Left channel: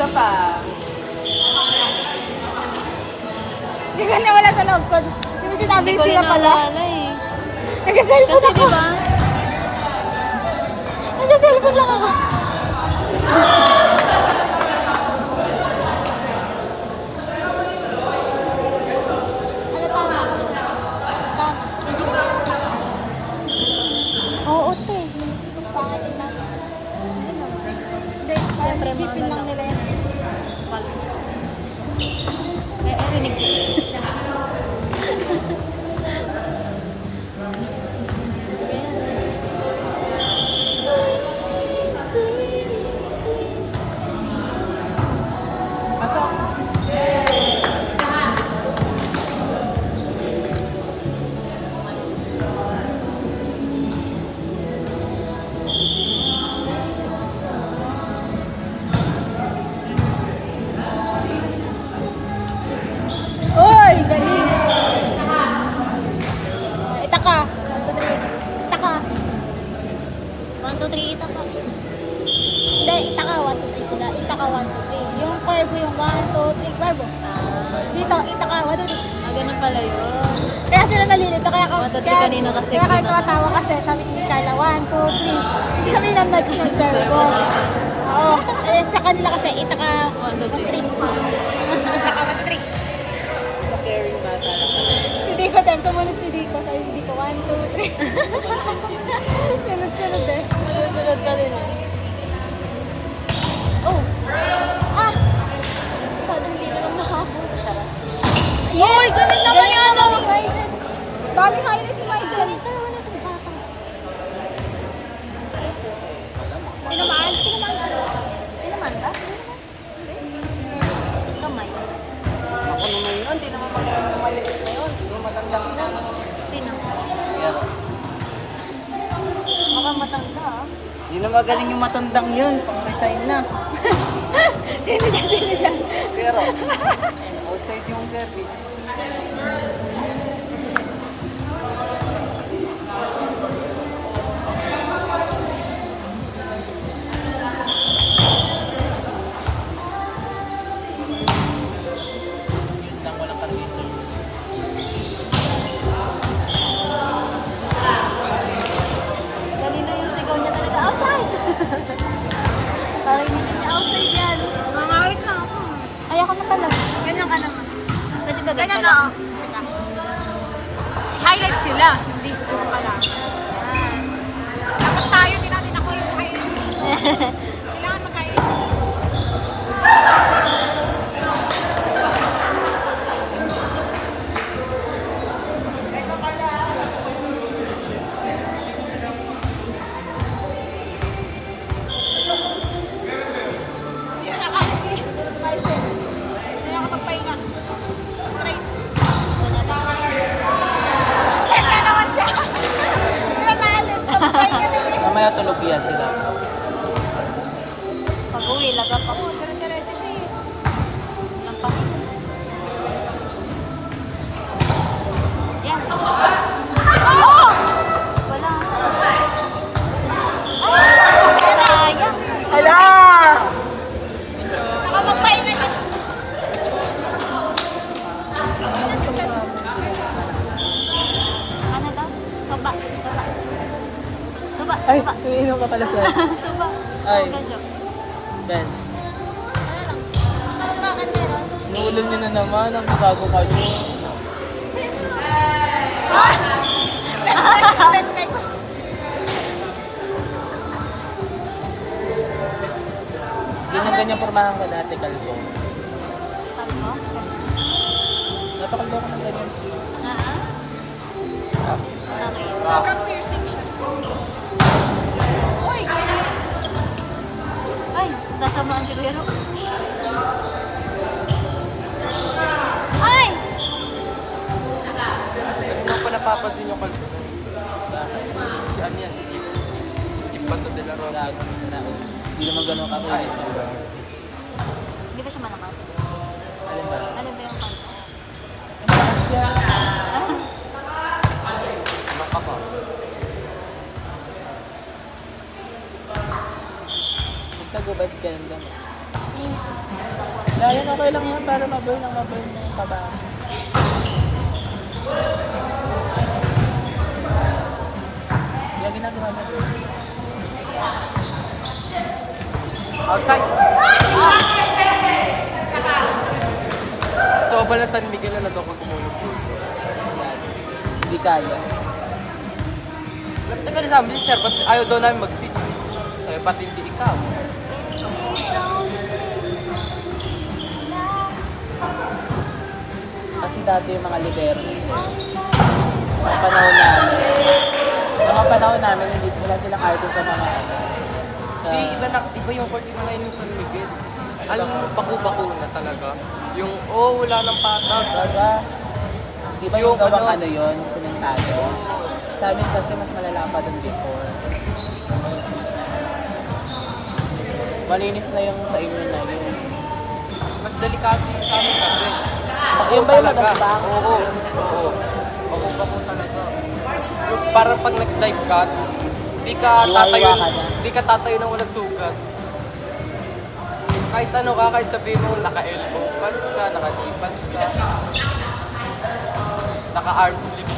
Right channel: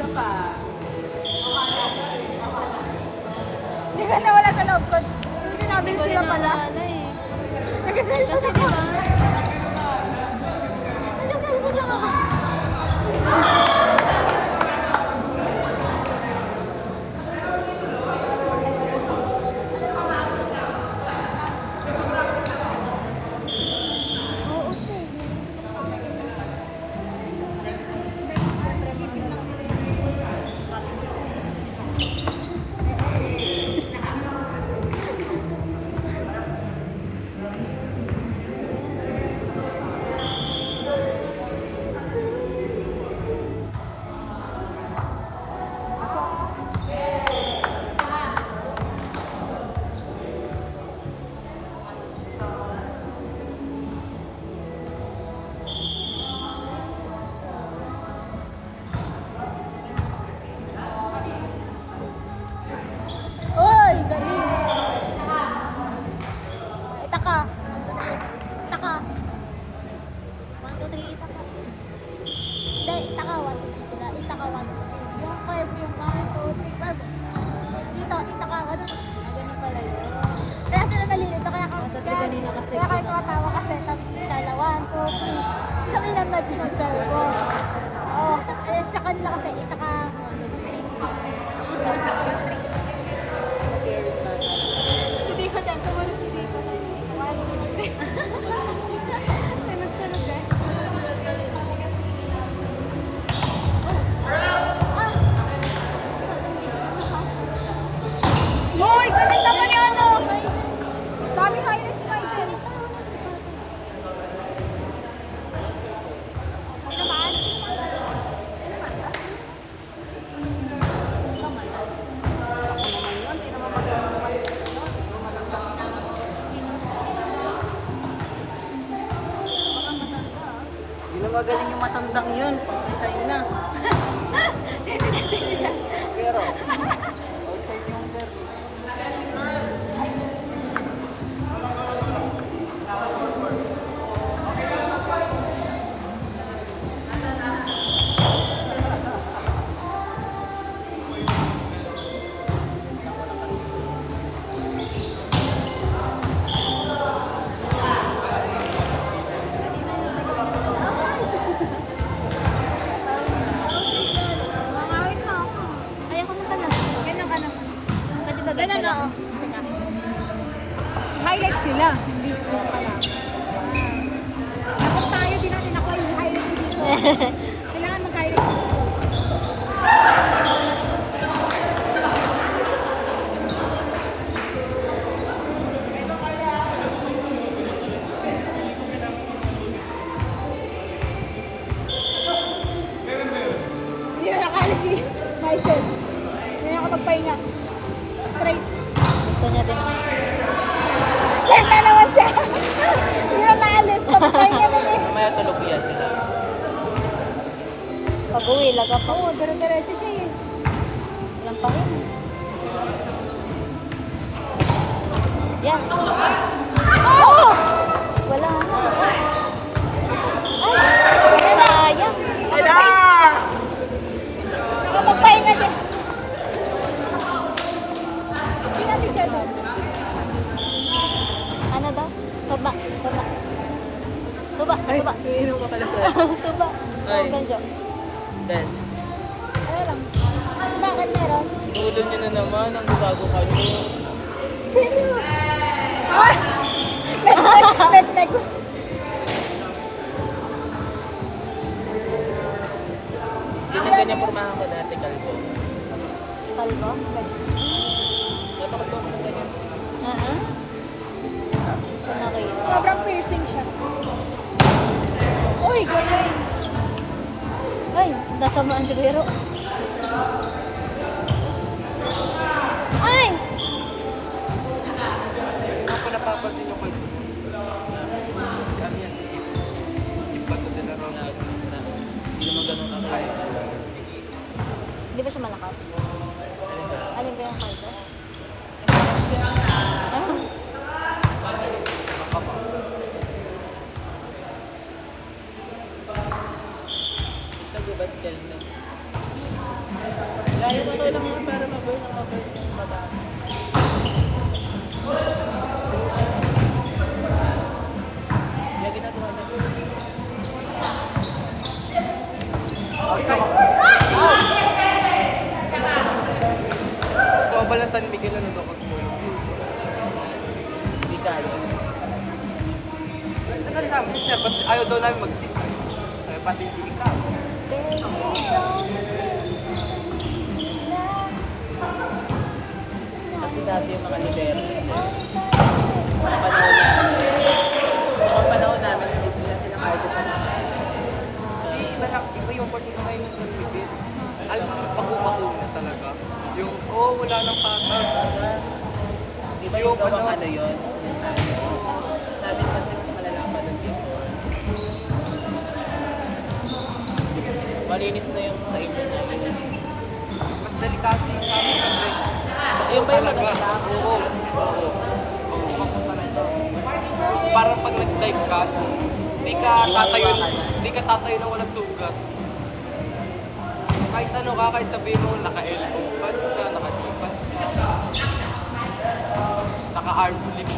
Isa pa. Hindi ka nawala sa loob ko. Hindi mo sinabi sila pala. Nag-cellphone ako. Nag-cellphone lang ako. Ano tama? Oo, te. Pangit na. Hindi, isipin lang nila yan. Uy, galing. Itaka. 1, 2, 3. Itaka. 1, 2, 3, ita pa. Hindi, itaka. 1, 2, 3 sila. Itaka 1, 2, 3. Yung curve yung 1, 2, 3. Curve. Dito, itaka 1, 2, 3. Ganun pala yun. Kaya sila nalilito. Kaya ako, 1, 2, 3 kanina kasi. Kaya kayo tumatawa kasi. Sabi ni Carla, 1, 2, 3. Ibig sabihin ng nuts ng curve ko. Oo. Eh, sa kanila kasi, itaka 1, 2, 3. Itaka 1, 2, 3. Sa caring ba talaga? Hindi ko din. Sumunod si Dito. Sabi ni Dito, 1, 2, 3. Sunod-sunod eh. Sunod ka rin. Oh! Ah! Sadang dito lang ako. Hoy! Ganun naman yan oh! Dami highlight ni Maisen. Tinamaan? Tinamaan sila. Tinaman ka? Kamay. Ngayon, di naman magaling ngayon. Sino? Mukhang matanda ah. Di na magaling yung matandang yun. Pang-resign na. Sino dyan? Sino dyan? Pero, outside yung service. Kanina yung sigaw niya talaga outside. Karinig niya outside yan. Mangawit na ako. Ay, ako na pala. Ganyan ka naman. Pwede ba Ganyan ganyan na lang? oh. Highlight sila. Hindi ko pala. Dapat tayo din natin ako yung highlight. Kailangan mag-highlight. Hindi na nakali si Maisen. Hindi na ako magpahinga. Straight. Gusto na rin. Set na naman siya. Hindi na maalis. Magpahinga na eh. Mamaya tulog yan. Sige. Pag-uwi, laga pa. Oo, pero diretso siya eh. Lang pa rin. Yes. Oh! Wala. Oh! Sayang. Wala! Nakapagpahinga din. Hindi natin siya ba? Ano daw? Soba. Soba. Suba. Ay, Suba. umiinom ka pala sa Suba. Ay. Ganjo. best. Ano lang? Bakit meron? Inuulan niya na naman ang bago kami. Ah! Pet-pet. Ganyan-ganyan pormahan ka dati, kalbo. Kalbo? Napakalbo ko ng ganyan. Ha? Sonari. Sobrang piercing siya. Uy, galing. Ay, tatamaan siguro. Ay! Hindi ko napapansin yung kalbo. Si ano yan, si Chip Pato de la Rosa. Hindi naman ganun kakainis. Di ba siya malakas? Alin ba yung kalbo? Ito, gubad ka lang. Kahit okay lang yan para mag-burn ang mag-burn ng taga. Yung ginagawa natin. Outside! So, pala San Miguel na ito pag Hindi kaya. Tagal na namin siya, ba't ayaw daw namin mag-sing? Eh, pati hindi ikaw. Kasi dati yung mga liberis. Mga panahon namin. Mga panahon namin, hindi sila artist sa mga. Hindi, iba yung part ko ngayon yung San Miguel. Alam mo, bako-bako na talaga. Yung, wala nang patag. Diba? Di ba yung gawang ano yun? Simentado. Sa amin kasi mas malala pa din dito. Malinis na yung sa inyo na yun. Mas delikado yung sa amin kasi. Ayun ba yung magasbang? Para pag nag-dive ka, di ka tatayo na walang sugat. Kahit ano ka, kahit sabihin mo, naka-elbow pads ka, naka-knee pads ka, naka-arm sleeve